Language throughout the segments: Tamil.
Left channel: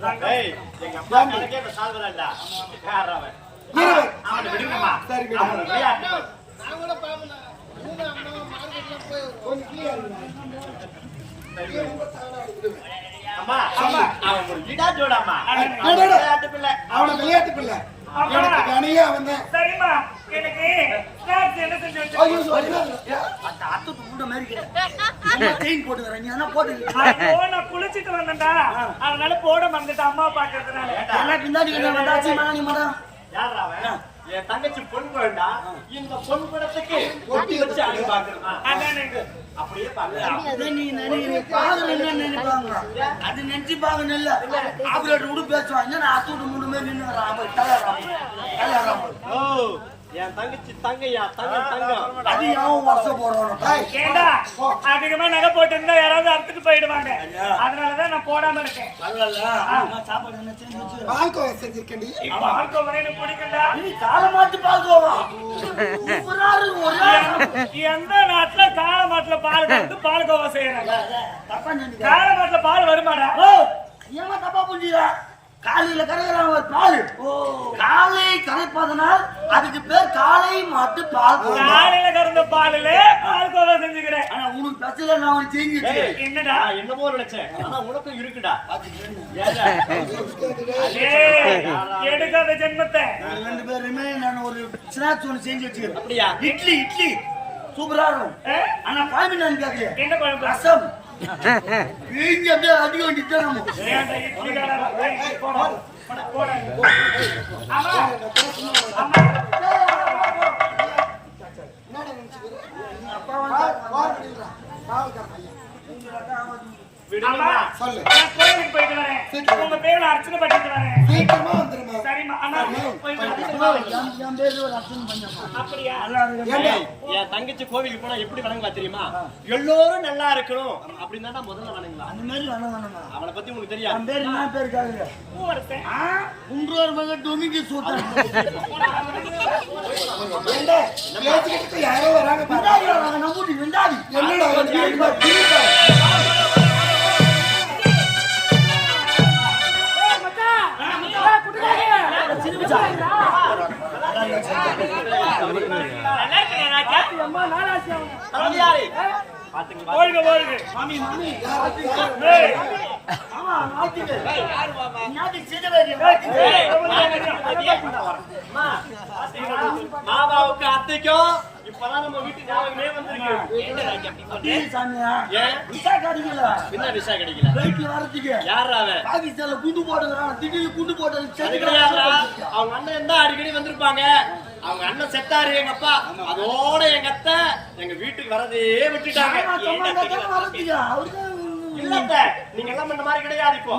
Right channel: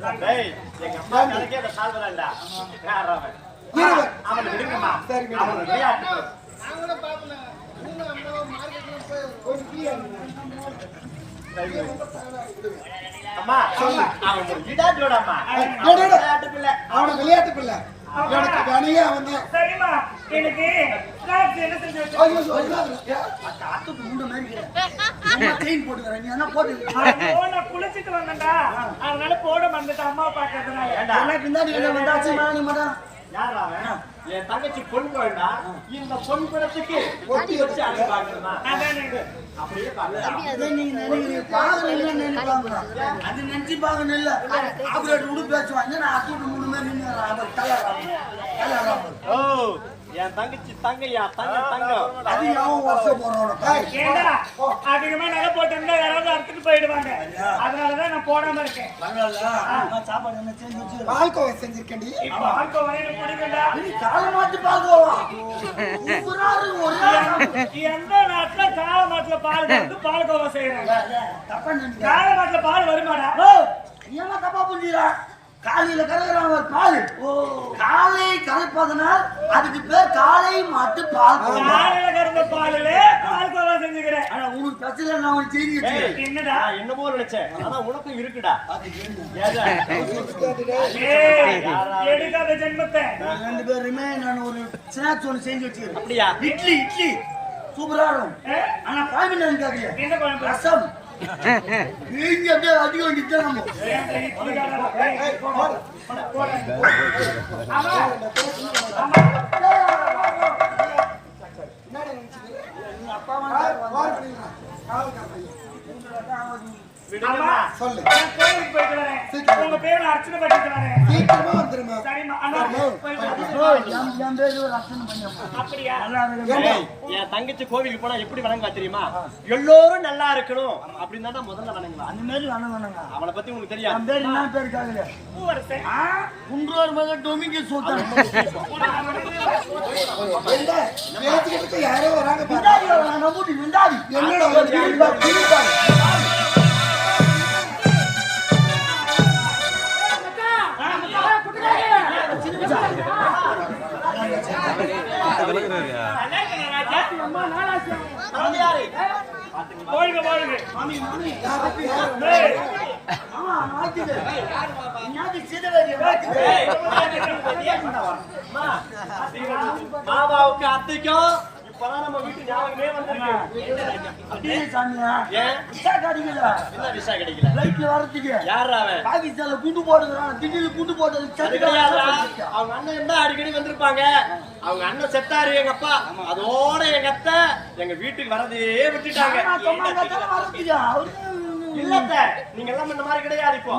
டேய் எங்க அப்பா கணக்கே அந்த சால்வதான்டா யார் அவன் அவனை விடுங்கம்மா சரி அவன் விளையாட்டு நான் கூட பாப்பேன் நீங்க அம்மா மார்க்கெட்ல போய் கொஞ்சம் கிளியர் அம்மா அவன் ஒரு இடா ஜோடாமா விளையாட்டு பிள்ளை அவன விளையாட்டு பிள்ளை எனக்கு கனியா வந்தேன் சரிம்மா எனக்கு ஸ்நாக்ஸ் என்ன செஞ்சு வச்சு ஐயோ அத்துட்டு முண்ட மாதிரி நம்ம செயின் போட்டுக்கறேன் நீ என்ன போட்டு நான் குளிச்சிட்டு வந்தேன்டா அதனால போட மறந்துட்டேன் அம்மா பாக்கிறதுனால எல்லாம் பின்னாடி வந்தாச்சு மன நீ மதம் யாரா அவன் என் தங்கச்சி பொன் குழந்தா இந்த பொன் குடத்துக்கு ஒட்டி வச்சு அங்க பாக்குறமா அப்படியே அது நெஞ்சு பாக்கணும் இல்ல ஆபரேட்டர் கூட பேசுவான் என்ன அத்துட்டு முண்ட மாதிரி நின்று வரான் கல்யாணம் ஓ என் தங்கச்சி தங்கையா தங்கம் அது யாவும் வருஷம் போறோம் ஏண்டா அதிகமா நகை போட்டு இருந்தா யாராவது அறுத்துட்டு போயிடுவாங்க அதனாலதான் நான் போடாம இருக்கேன் சாப்பாடு என்ன செஞ்சு வச்சு பால்கோவா செஞ்சிருக்கேன்டி பால்கோவா எனக்கு பிடிக்கும்டா நீ காலமாட்டு பால்கோவா எந்த நாட்டுல காலமாட்டுல பால் வந்து பால்கோவா செய்யறாங்க தப்பா நினைக்க காலமாட்டுல பால் வருமாடா ஏமா தப்பா புரிஞ்சுடா காலையில கரைக்கிறாங்க ஒரு பால் காலை கரைப்பதனால் அதுக்கு பேர் காலை மாட்டு பால் காலையில கறந்த பாலுல பால்கோவா செஞ்சுக்கிறேன் ஆனா உனக்கு பிரச்சனை நான் உனக்கு செஞ்சு என்னடா என்னமோ நினைச்சேன் ஆனா உனக்கும் இருக்குடா எடுக்காத ஜென்மத்தை ரெண்டு பேருமே நான் ஒரு ஸ்நாக்ஸ் ஒன்று செஞ்சு வச்சுக்கிறேன் அப்படியா இட்லி சூப்பரா இருக்கும் ஆனா பாய்மி நான் கேட்கலையா என்ன குழம்பு ரசம் இங்க அப்படியே அடிக்க வேண்டியதுதான் நம்ம என்னடா நினைச்சுக்கிறேன் அப்பா காவல்கார பையன் விடுங்கம்மா சொல்லு கோயிலுக்கு போயிட்டு வரேன் உங்க பேர்ல அர்ச்சனை பண்ணிட்டு வரேன் சீக்கிரமா வந்துருமா சரிம்மா அண்ணா என் பேரு ஒரு அர்ச்சனை பண்ணியம்மா அப்படியா என் தங்கச்சி கோவிலுக்கு போனா எப்படி வணங்குவா தெரியுமா எல்லோரும் நல்லா இருக்கணும் அப்படின்னு தான் முதல்ல வணங்குவா அந்த மாதிரி வணங்கணுங்க அவனை பத்தி உனக்கு தெரியாது என் பேர் என்ன பேரு காதுல பூவரசன் குன்றோர் மகன் டொமிக்கு சூத்தன் பேச்சுக்கிட்டு யாரோ வராங்க விண்டாடி வராங்க நம்பூட்டி விண்டாடி என்னடா மாமி மாமாவுக்கு அத்தைக்கும் இப்பதான் நம்ம வீட்டு ஞாபகமே வந்திருக்கு சாமியா ஏன் விசா கிடைக்கல என்ன விசா கிடைக்கல ஃளைட்ல வரதுக்கு யாரா அவன் பாகிஸ்தான்ல குண்டு போடுறாங்க திடீர்னு குண்டு போட்டது கிடையாதுடா அவங்க அண்ணன் தான் அடிக்கடி வந்திருப்பாங்க அவங்க அண்ணன் செத்தாரு எங்க அப்பா அதோட எங்க அத்தை எங்க வீட்டுக்கு வரதே விட்டுட்டாங்க இல்லத்த நீங்க எல்லாம் இந்த மாதிரி கிடையாது இப்போ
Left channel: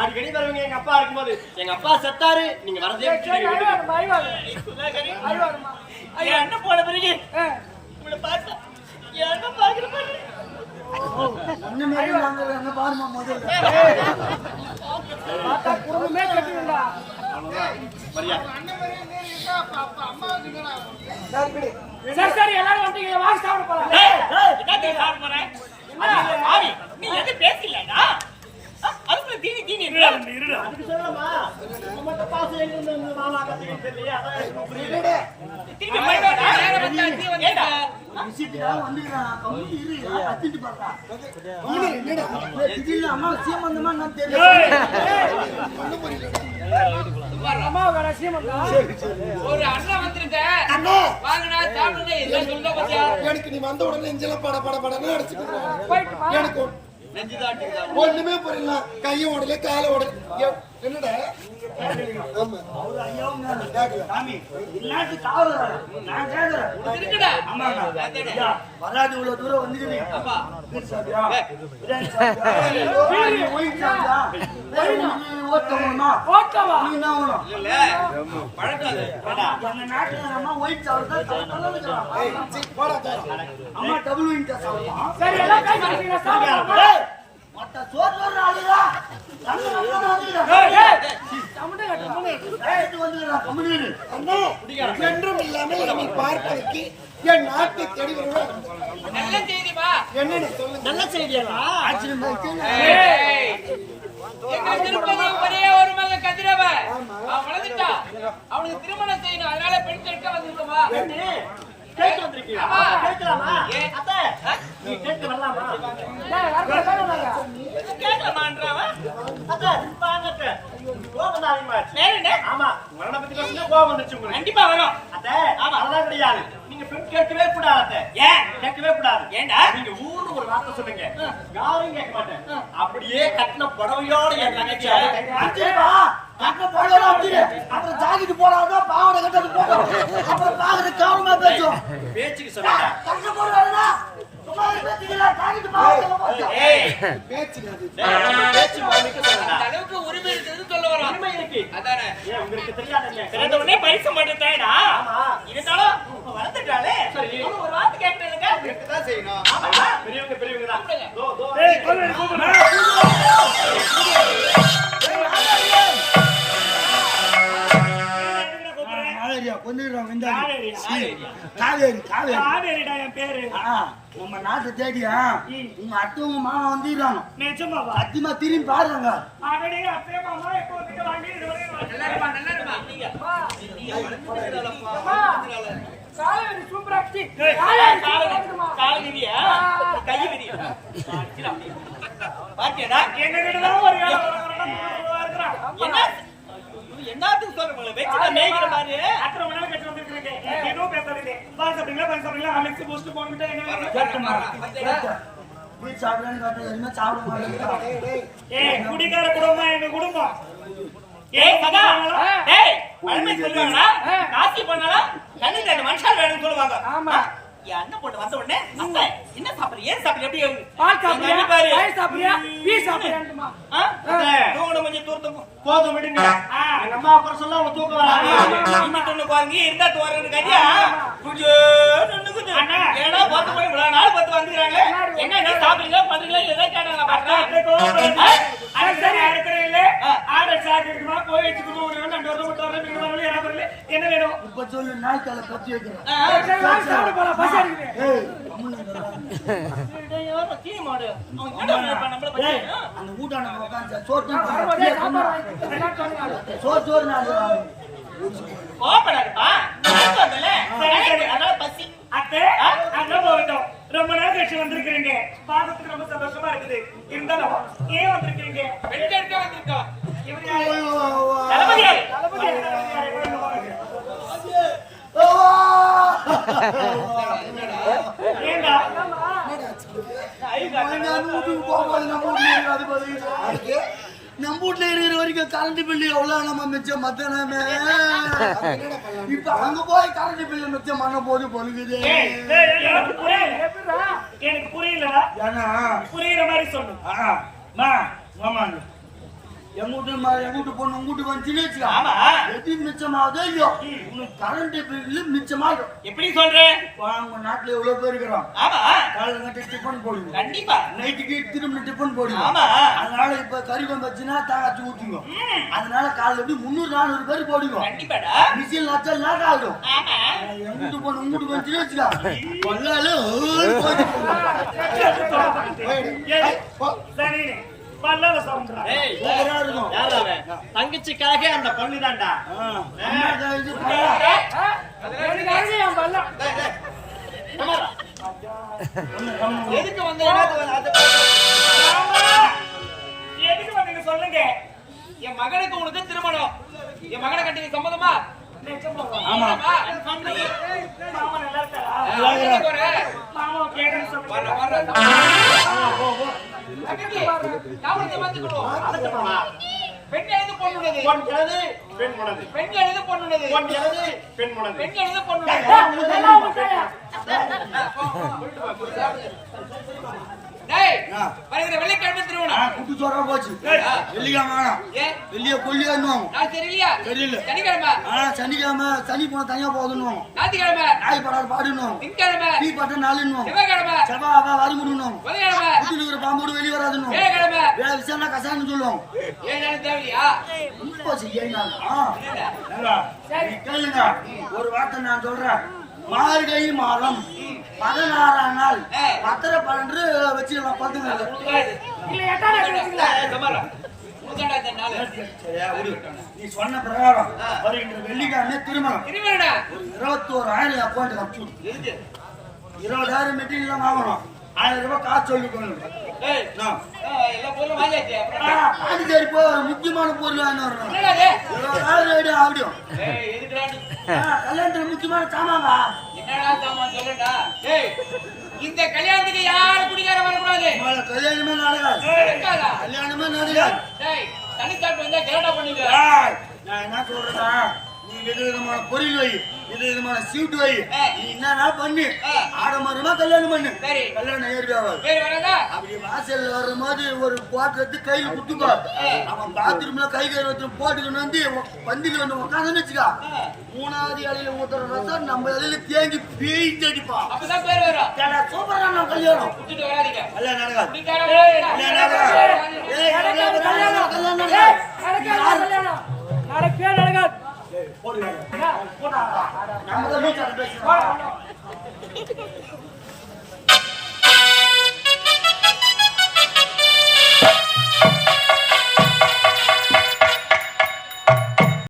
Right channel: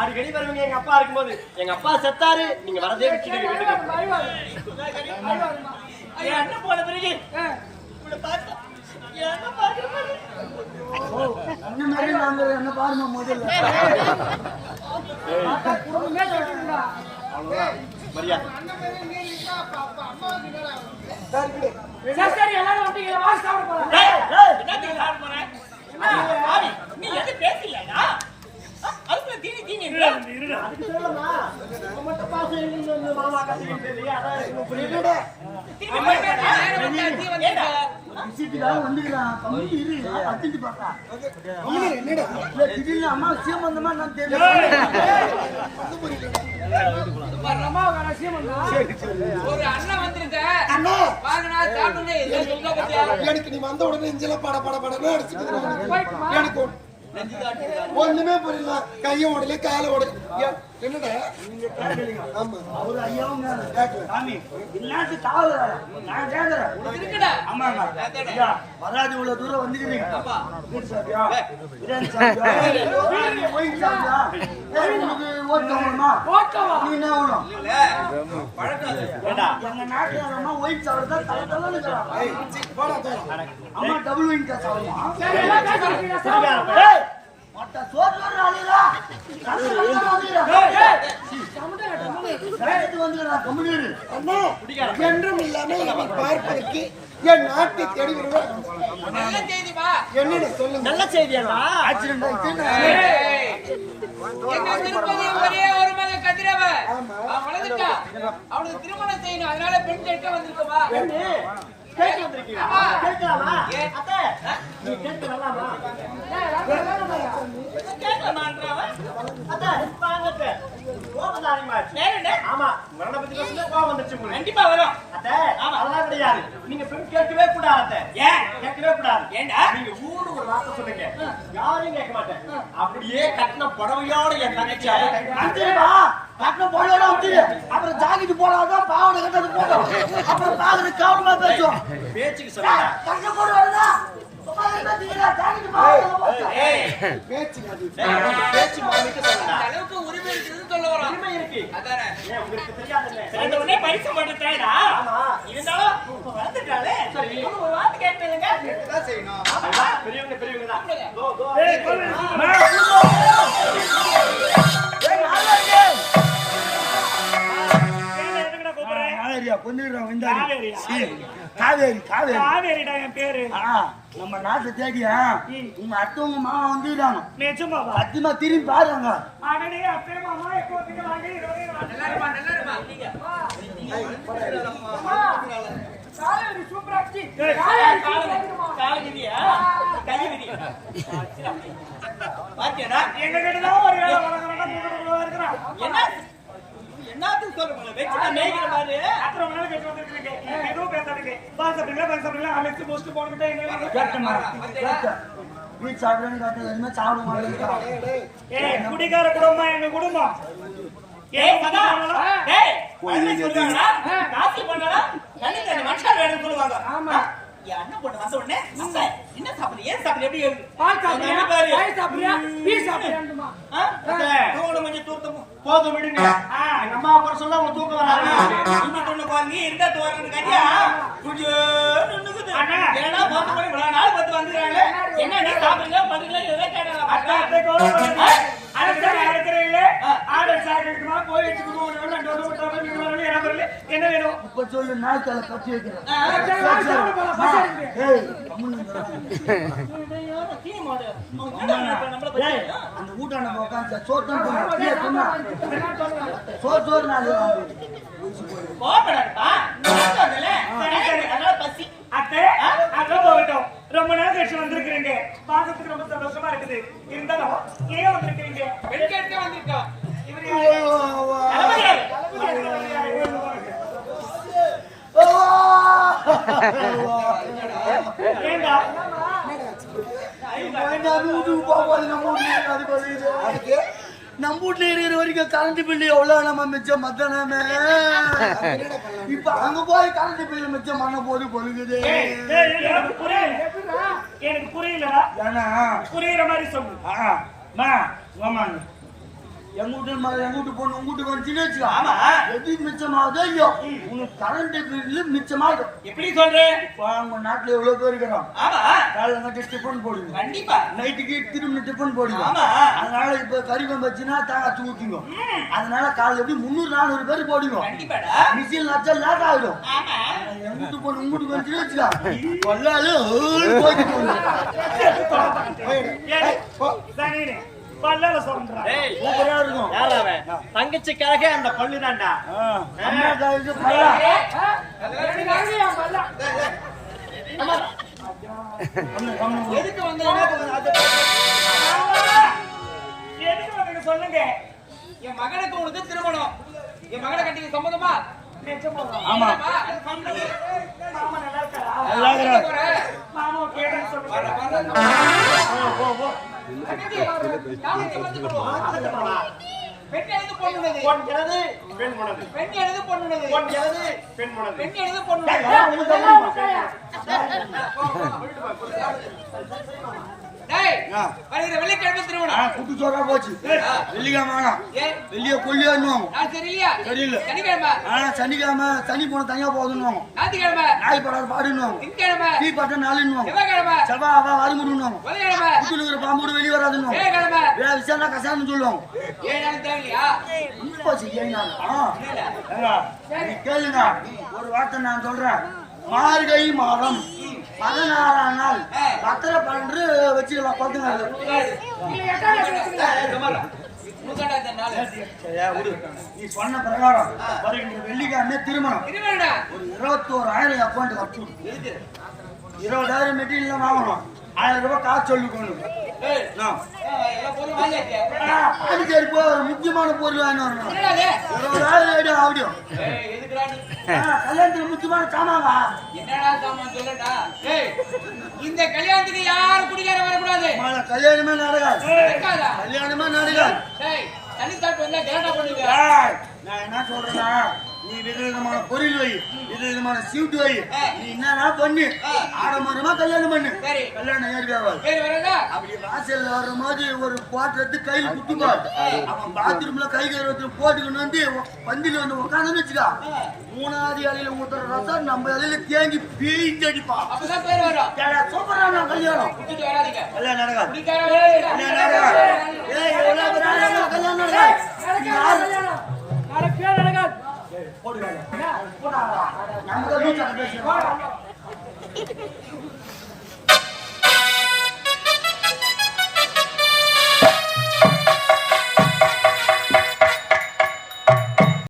அடிக்கடி வருவீங்க எங்க அப்பா இருக்கும்போது எங்க அப்பா செத்தாரு நீங்க வரதே விட்டுட்டீங்க வீட்டுக்கு என்ன போன பிறகு இவனை பார்த்தா என்ன பாக்குற மாதிரி என்ன பாருமா முதல்ல மரியாதை சரி எல்லாரும் வந்துட்டீங்க வாங்கி சாப்பிட போலாம் நீ எது பேசலடா அதுக்குள்ள தீனி அதுக்கு சொல்லலாமா மட்டும் பாசம் எங்க இருந்து வந்து மாமா கத்திக்கிட்டு தெரியலையே அதான் எனக்கு புரியல விஷயத்துக்காக வந்துக்கிறான் கம்முனு இரு அத்திட்டு பார்த்தா என்னடா திடீர்னு அம்மா விஷயம் வந்தமா நான் தெரியல ஒரு அண்ணன் வந்திருந்தேன் அண்ணா வாங்கினா சாப்பிடுங்க என்ன சொல்ல பத்தியா எனக்கு நீ வந்த உடனே இஞ்சல படன்னு அடிச்சுக்குது எனக்கு ஒண்ணுமே புரியல கையை ஓடல காலை ஓடல என்னடா நீங்க கேட்கலீங்க ஆமா அவரு ஐயாவும் கேட்கல சாமி இல்லாட்டு காவல் நான் கேட்கறேன் இருக்குடா ஆமாங்க ஐயா வராது இவ்வளவு தூரம் வந்துக்கிறீங்க ஆமா பீர் சாப்பியா பிரியாணி சாப்பியா ஒயிட் சாப்பியா ஓட்டணுமா நீ என்ன வேணும் இல்ல பழக்கம் எங்க நாட்டுல அம்மா ஒயிட் சாப்பிடுறதா தலை தலைன்னு இருக்கிறாங்க போடா தோற அம்மா டபுள் ஒயிட் சாப்பிடுமா சரி எல்லாம் கை சாப்பிடுங்க மொட்டை சோறு வர்ற ஆளுடா கண்ணு கண்ணு வந்துக்கிறான் கம்முனீரு அண்ணா என்றும் இல்லாம என்னை பார்ப்பதற்கு என் நாட்டை தேடி வருவார் நல்ல செய்திமா என்னன்னு சொல்லுங்க நல்ல செய்தியாடா ஆக்சிடென்ட் ஆயிடுச்சு எங்களுக்கு இருப்பது ஒரே அவன் வளர்ந்துட்டான். அவனுக்கு திருமணம் செய்யணும். அதனால பெண் கேட்க வந்திருக்கமா? பெண்ணு கேட்க வந்திருக்கீங்களா? ஆமா. கேட்கலாமா? ஏன்? அத்தை, நீ கேட்க வரலாமா? கேட்கலாமான்றாவா? அத்தை, வாங்க அத்தை. கோபம் தான் அதிகமாச்சு. வேற என்ன? ஆமா, மரண பத்தி பேசுனா கோபம் வந்துருச்சு உங்களுக்கு. கண்டிப்பா வரும். அத்தை, ஆமா, அதெல்லாம் கிடையாது. நீங்க பெண் கேட்கவே கூடாது அத்தை. ஏன்? கேட்கவே கூடாது. ஏண்டா? நீங்க ஊன்னு ஒரு வார்த்தை சொல்லுங்க. யாரையும் கேட்க மாட்டேன். அப்படியே கட்டின புடவையோட என் தங்கச்சி அப்படியே கை- அஞ்சிருப்பா கட்டின பொருளோட அஞ்சிரு அப்புறம் ஜாக்கிட்டு போடாதான் பாவனை கட்டது போட்டோம் அப்புறம் பாக்குறது கவனமா பேசுவோம் ஒரு பேச்சுக்கு சொல்லுங்க. கட்டின பொருளோட சும்மா பேசுறீங்களா ஜாக்கிட்டு பாவனை ஏய், பேச்சுங்க அது. பேச்சு மாமிக்கு சொல்லுங்க. அந்த அளவுக்கு உரிமை இருக்குதுன்னு சொல்ல வரோம். உரிமை இருக்கு. அதானே? ஏன் உங்களுக்கு தெரியாது என்ன? பிறந்த உடனே பரிசம் பண்றதாடா. ஆமா. இருந்தாலும் இப்ப வளர்ந்துட்டாளே. சரி. அவனு ஒரு வார்த்தை கேட்கறேங்க. கேட்டுதான் செய்யணும். அதுதான் பெரியவங்க பெரியவங்க தான். கூப்பிடுங்க. தோ, தோ, ஏய், எதுக்குடா கூப்பிடுறேன்? காவேரியா கொஞ்சம் இந்த காவேரியா? காவேரி காவேரி காவேரிடா என் பேரு. நம்ம நாட்டை தேடியா உங்க அத்தை உங்க மாமா வந்துடுறாங்க நிஜமாவா? சத்தியமா திரும்பி பாருங்க அடடே, அத்தை மாமா எப்போ வந்துட்டு வாங்க, இருவரையும் வாங்க. நல்லா இருமா, நல்லா இருமா. காவேரி சூப்பரா ஆச்சு. கால விதியா? கை விதியா? பாத்தியாடா? எங்க கிட்டதான் ஒரு வேலை வரங்கறடா கூப்பிடுறவா இருக்கறான். என்ன என்னத்துக்கு சொல்றீங்க? வெச்சிட மேய்க்கிற மாதிரி அப்புறம் மணல கட்டி வந்திருக்கீங்க. ஏதோ பேசாதீங்க. பால் சாப்பிடுங்களா? அலெக்ஸ் போஸ்ட் போன்கிட்ட என்ன வேணும்? கேட்டமா வீட்டு சாப்பிடுறேன்னு கேட்டது எதுவுமே சாப்பிட மாட்டேன் ஏய், குடிகார குடும்பம் எங்க குடும்பம். ஏய் சதா, டேய் பழமை சொல்லுவாங்கடா, காசி பண்ணடா, கண்ணு ரெண்டு மனுஷன் வேணும்னு சொல்லுவாங்க. ஆமா. என் அண்ணன் பொண்ணு வந்த உடனே அத்தை என்ன சாப்பிடுற, ஏன் சாப்பிடுற, எப்படி பால் சாப்பிடுறியா, பால் சாப்பிடுறியா, டீ சாப்பிடுறியாமா? தூங்கணும் கொஞ்சம் தூரத்து போதும் விடுங்க. எங்க அம்மா குறை சொல்ல அவங்க தூக்கம் வராது. இங்க தொண்ணு பாருங்க இருந்தா தோறது கட்டியா அண்ணா ஏடா போட்டு போய் இவ்வளவு நாள் பார்த்து வந்துருக்காங்களே, என்ன என்ன சாப்பிடுறீங்களா பண்றீங்களா ஏதோ கேட்டாங்க. அதுக்குதான் நான் இருக்கிறேன் இல்ல, ஆட சாப்பிட்டுமா போய் வச்சுக்கணும். 2 வருஷம் மட்டும் வர நீங்க வரல யாரா வரல, என்ன வேணும் இப்ப சொல்லு நாய்க்கால பத்தி வைக்கிறேன் அந்த ஊட்டான உட்காந்து சோறு சோறு நாலு கோபப்படாதப்பா. சரி சரி, அதனால பசி அத்தை அதெல்லாம் போகட்டும். ரொம்ப நாள் கழிச்சு வந்திருக்கிறீங்க, பார்க்கறதுக்கு ரொம்ப சந்தோஷமா இருக்குது. இருந்தாலும் ஏன் வந்திருக்கிறீங்க? பெண் கேட்க வந்திருக்கோம். இவரு தளபதியாரு. ஏண்டா நம்ம வீட்டுல இருக்கிற வரைக்கும் கரண்ட் பில்லு எவ்வளவு நம்ம மிச்சம் மத்தனமே இப்ப அங்க போய் கரண்ட் பில்லு மிச்சம் பண்ண போது பொழுகுது எனக்கு புரியல, எனக்கு புரியலடா. ஏன்னா புரியுற மாதிரி சொல்லு. எங்க வீட்டு பொண்ணு உங்க வீட்டுக்கு வந்துச்சுன்னு வச்சுக்கோ. ஆமா, எது மிச்சமாவதோ இல்லையோ உனக்கு கரண்ட் பில்லு மிச்சமாயிடும். எப்படி சொல்றேன்? உங்க நாட்டுல எவ்வளவு பேர் இருக்கிறோம். ஆமா, காலைல கட்டி டிஃபன் போடுங்க, கண்டிப்பா நைட்டுக்கு திரும்ப டிஃபன் போடுங்க. ஆமா, அதனால இப்ப கறி வச்சுன்னா தேங்காய் ஊத்துங்க. அதனால காலைல எப்படி 300-400 பேர் போடுங்க. கண்டிப்பாடா. மிஷின் வச்சா லேட் ஆயிடும். ஆமா, எங்க வீட்டு பொண்ணு உங்க வீட்டுக்கு வந்துச்சுன்னு வச்சுக்கா கொல்லாலும் போயிட்டு பல்லால சொல்றான். ஏய், சூப்பரா இருக்கும். யாரா அவன்? தங்கச்சிக்காக அந்த பல்லுதான்டா. அம்மா இது பல்லா எதுக்கு வந்த எதுக்கு வந்தீங்க சொல்லுங்க. என் மகனுக்கு உனக்கு திருமணம். என் மகனை கட்டி சம்மதமா? ஆமா. மாமா நல்லா இருக்காரா? போற மாமா கேட்டுன்னு சொல்லுங்க. வர்ற வர்ற தாமரத்தை மாத்திக் கொள்வோம். அதுக்கு மாமா. பெண் எனது பொண்ணுனது, பொன் எனது பெண் உனது, பெண் எனது பொண்ணுனது, பொன் எனது பெண் உனது. பெண் எனது பொண்ணுனது. டேய், வருகிற வெள்ளிக்கிழமை திருமணம். குட்டு சோறா போச்சு. வெள்ளிக்கிழமை ஏன் வெள்ளிய கொல்லியான்னுவாங்க. நான் தெரியலையா? தெரியல. சனிக்கிழமை சனிக்கிழமை சனி போன தனியா போகுதுன்னு ஞாயிற்றுக்கிழமை நாய் படாத பாடுன்னுவாங்க. திங்கக்கிழமை டீ பட்ட நாளுன்னுவாங்க. செவ்வாய்க்கிழமை செவ்வாய் அவ வாரிமுடுன்னுவாங்க. புதன்கிழமை குட்டுல இருக்கிற பாம்போடு வெளியே வராதுன்னு வியாழக்கிழமை வேற விஷயம்னா கசான்னு சொல்லுவாங்க. 7 நாள் தேவையில்லையா? கேளுங்க, ஒரு வார்த்தை நான் சொல்றேன். மார்கழி மாதம் 16ஆம் நாள் 10-12 வச்சுக்கலாம். 10 நாள் புதுண்டா இந்த நாள். சரியா விடு. நீ சொன்ன பிரகாரம் வருகின்ற வெள்ளிக்கிழமை திருமணம். திருமணம்டா. ஒரு 21,000 அக்கௌண்ட் அனுப்பிச்சு விடு. எதுக்கு? 20,000 மெட்டீரியல் வாங்கணும். 1000 ரூபாய் காசு சொல்லிக்கணும். டேய், எல்லா பொருளும் வாங்கியாச்சு. பாண்டிச்சேரி போய் ஒரு முக்கியமான பொருள் வாங்கி வரணும். என்னடா இது? 20,000 ஐடியா ஆடியும். ஏய், எதுக்குடா? கல்யாணத்துல முக்கியமான சாமாங்க. என்னடா சாமான் சொல்லடா? டேய், இந்த கல்யாணத்துக்கு யாரும் குடிகார வரக்கூடாது. கல்யாணமே நடக்காது. நடக்காதா? கல்யாணமே நடக்காது. டேய், தண்ணி தாட்டு வந்தா கேட்டா பண்ணுங்க. நான் என்ன சொல்றேன்னா, நீ விதவிதமான பொருள் வை, விதவிதமான சீட்டு வை, நீ என்ன பண்ணு, ஆடம்பரமா கல்யாணம் பண்ணு. சரி. கல்யாணம் ஏறி ஆகாது. பேர் வராதா? அப்படி வாசல்ல வரும்போது ஒரு போட்டு கையில குத்துப்பார். அவன் பாத்ரூம்ல கை கருவத்துல போட்டுக்கணும் வந்து பந்தில வந்து உட்காந்து வச்சுக்கா. 3வது இலையில ஊத்துற ரசம் நம்ம இலையில தேங்கி பெயிண்ட் அடிப்பான். அப்பதான் பேர் வரும். சூப்பரான கல்யாணம். குடிச்சிட்டு வராதீங்க. கல்யாணம் நடக்காது. குடிக்கார வராதீங்க. கல்யாணம் நடக்காது. ஏய், எவ்வளவு பேர் ஆனாலும் கல்யாணம் நடக்காது. நடக்கவே நடக்காது. போடுவாங்க. போட்டாங்களா? நம்ம தான் லூசாக பேசுறோம்.